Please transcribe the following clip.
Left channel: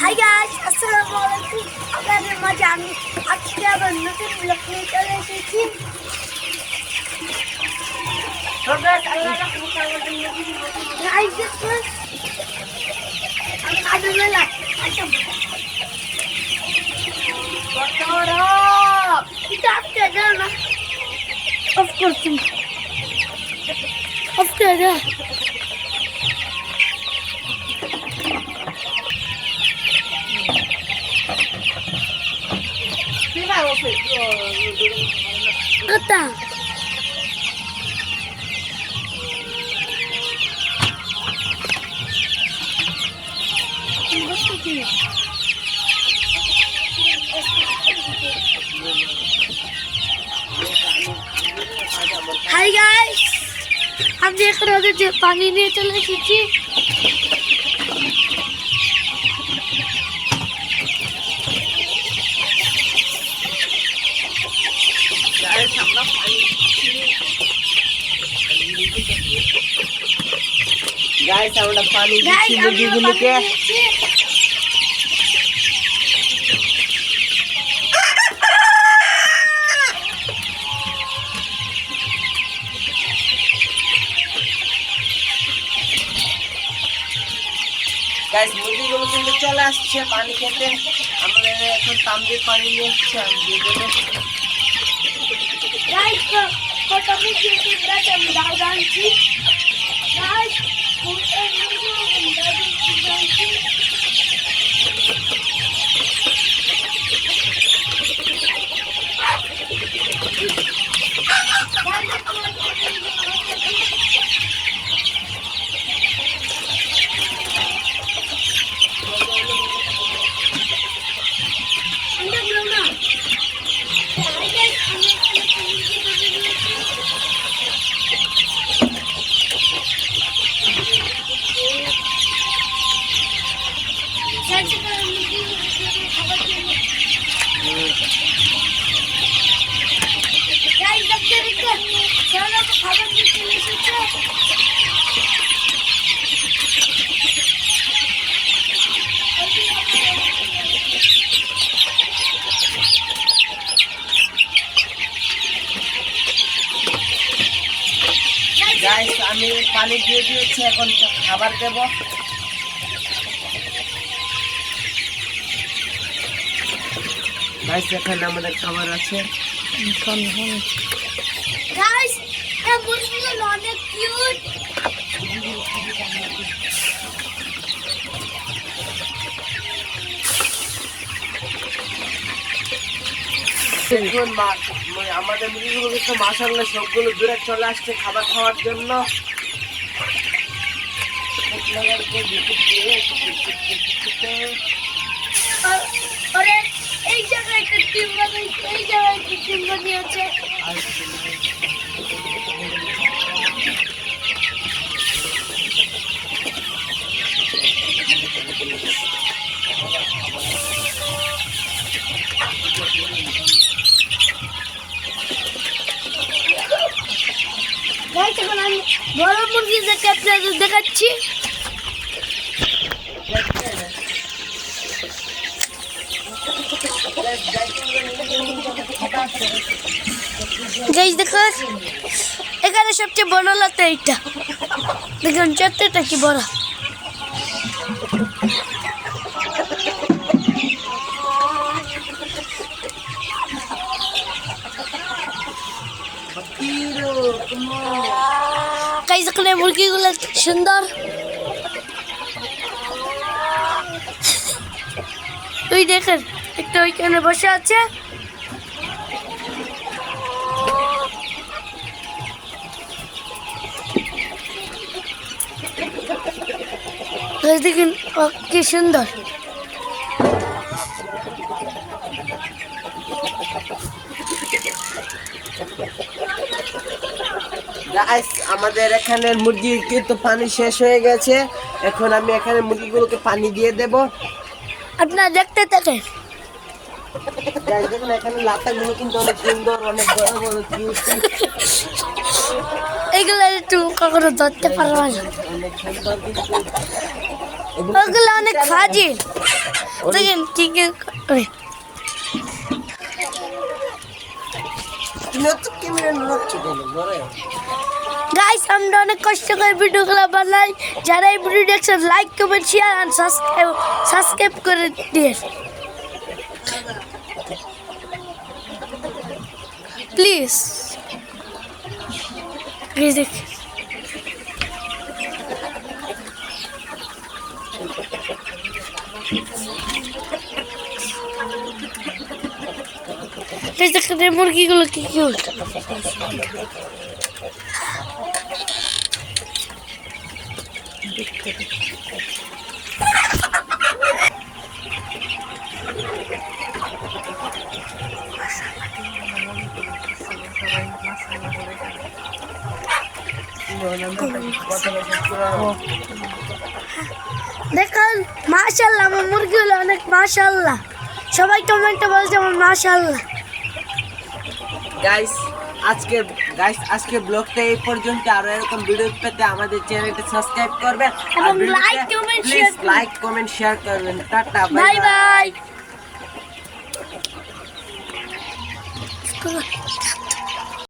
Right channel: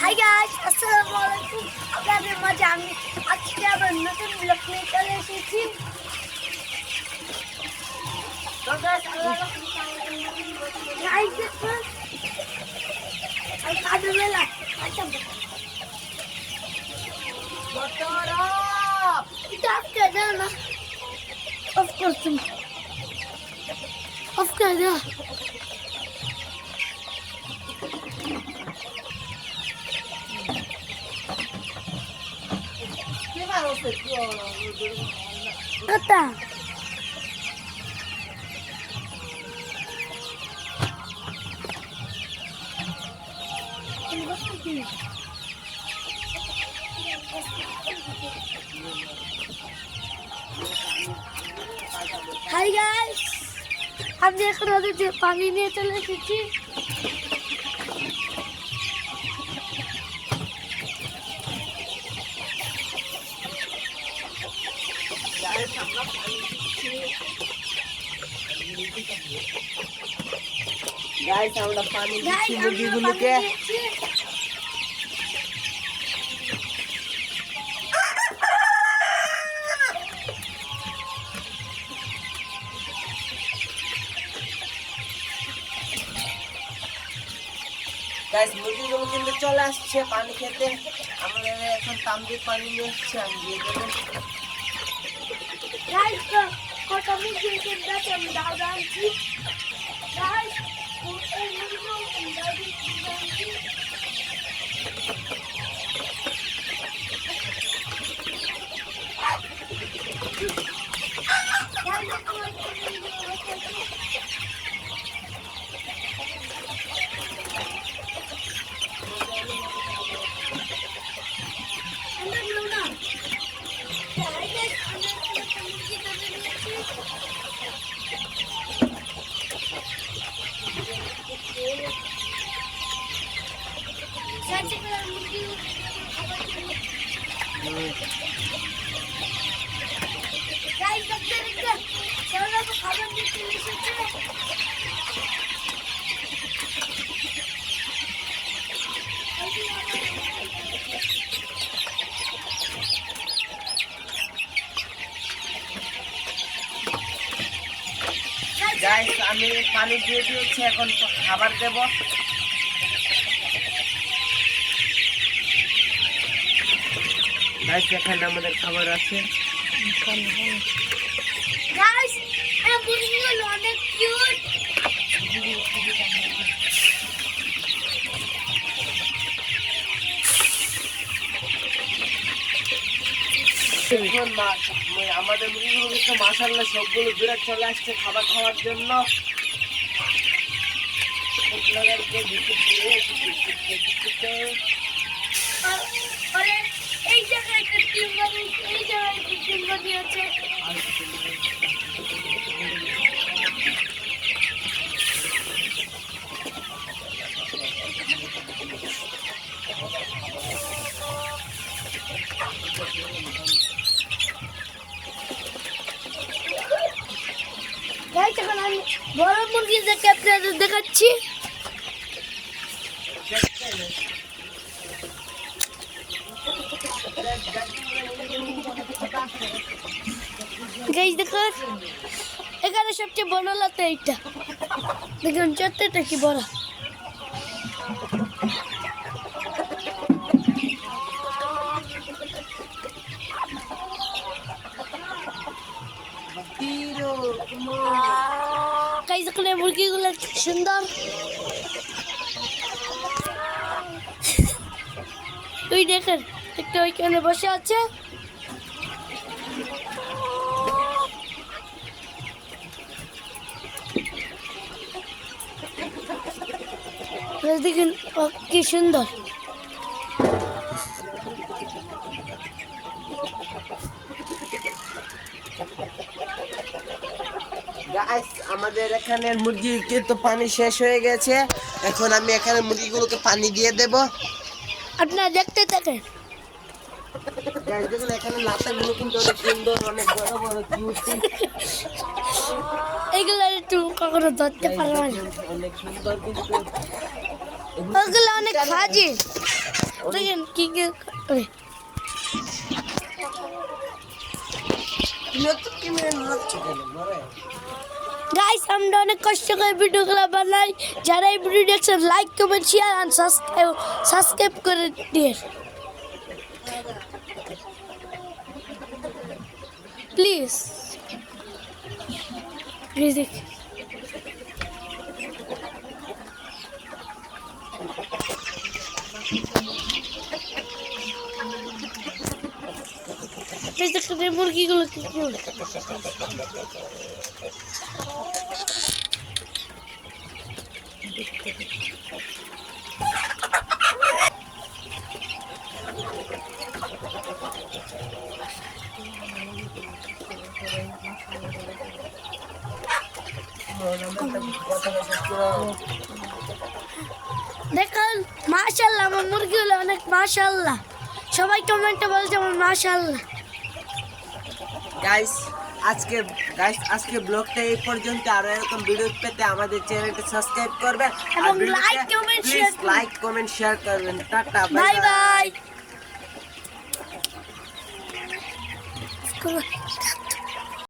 Hi guys, আসসালামু আলাইকুম। আপনাদের মাঝে আমি আজকে আবার নতুন ব্লগ নিয়ে চলে এসেছি। আমি কাজের বেলা অফ করছি, অফ করে দাও। Kata. Hai guys, हम देख रहे थे पानी नहीं चले खींची। गाइस আমরা পানি দিচ্ছি মুরগিগুলোকে। গাইস মুরগিগুলো কিন্তু চলে আসছে পানি খেতে। আমরা এখন তামদের পানি নিয়ে আসছি, আমি দিয়ে দেবো। गाइस কত মুরগি আমি দাও দাঁড়াচ্ছি। गाइस গাইস আমি পানি দিয়ে দিয়েছি, এখন খাবার দেব। গাইস এখানে আমাদের খাবার আছে। गाइस ये मुर्गीগুলো অনেক কিউট। দেখুন আমাদের মুরগিগুলো কিন্তু মাশাআল্লাহ সবগুলো দূরে চলে আসছে খাবার খাওয়ার জন্য। আরে এই জায়গায় একটা টিম বানিয়েছে, এই জায়গায় একটা টিম বানিয়েছে। গাইস এখন আমি বড় মুরগিদেরকে আপনাদের দেখাচ্ছি। গাইস দেখো এখানে সবচেয়ে বড় লাতে এইটা দেখুন, চত্বরটা কি বড়। গাইস এখানে মুরগিগুলো সুন্দর। তুই দেখেন একটা ওইখানে বসে আছে। দেখেন কি সুন্দর। গাইস আমাদের এখানে মুরগির কিন্তু পানি শেষ হয়ে গেছে। এখন আমি এখানে মুরগিগুলোকে পানি দিয়ে দেব। আপনারা দেখতে থাকেন। গাইস দেখুন এখানে লাতাগুলো কিন্তু অনেক সুন্দর, অনেক বড় বড় কিউট, এগুলো তুমি কখনো ধরতে পারবে না, অনেক সুন্দর কিন্তু ওগুলো অনেক ফাজি। দেখেন কি কি করে। তুমি তো ক্যামেরা নড়াচ্ছ কেন ধরে? গাইস আমরা অনেক কষ্ট করে ভিডিওগুলো বানাই, যারা এই ভিডিও দেখছেন লাইক কমেন্ট শেয়ার আর সাবস্ক্রাইব করে দিন প্লিজ। প্লিজ দেখেন এই মুরগিগুলো কি কিউট। দেখুন মাশাআল্লাহ, আমার মুরগিগুলো অনেক মাশাআল্লাহ। সবাই কমেন্টে বলছে আমার মাশাআল্লাহ। গাইস আজকে ব্লগটা এই পর্যন্ত। আরো এরকম ভিডিও পেতে আমাদের চ্যানেলটি সাবস্ক্রাইব করবেন আর এবং like, comment, please share like comment share করবেন। Tata bye bye. বাই।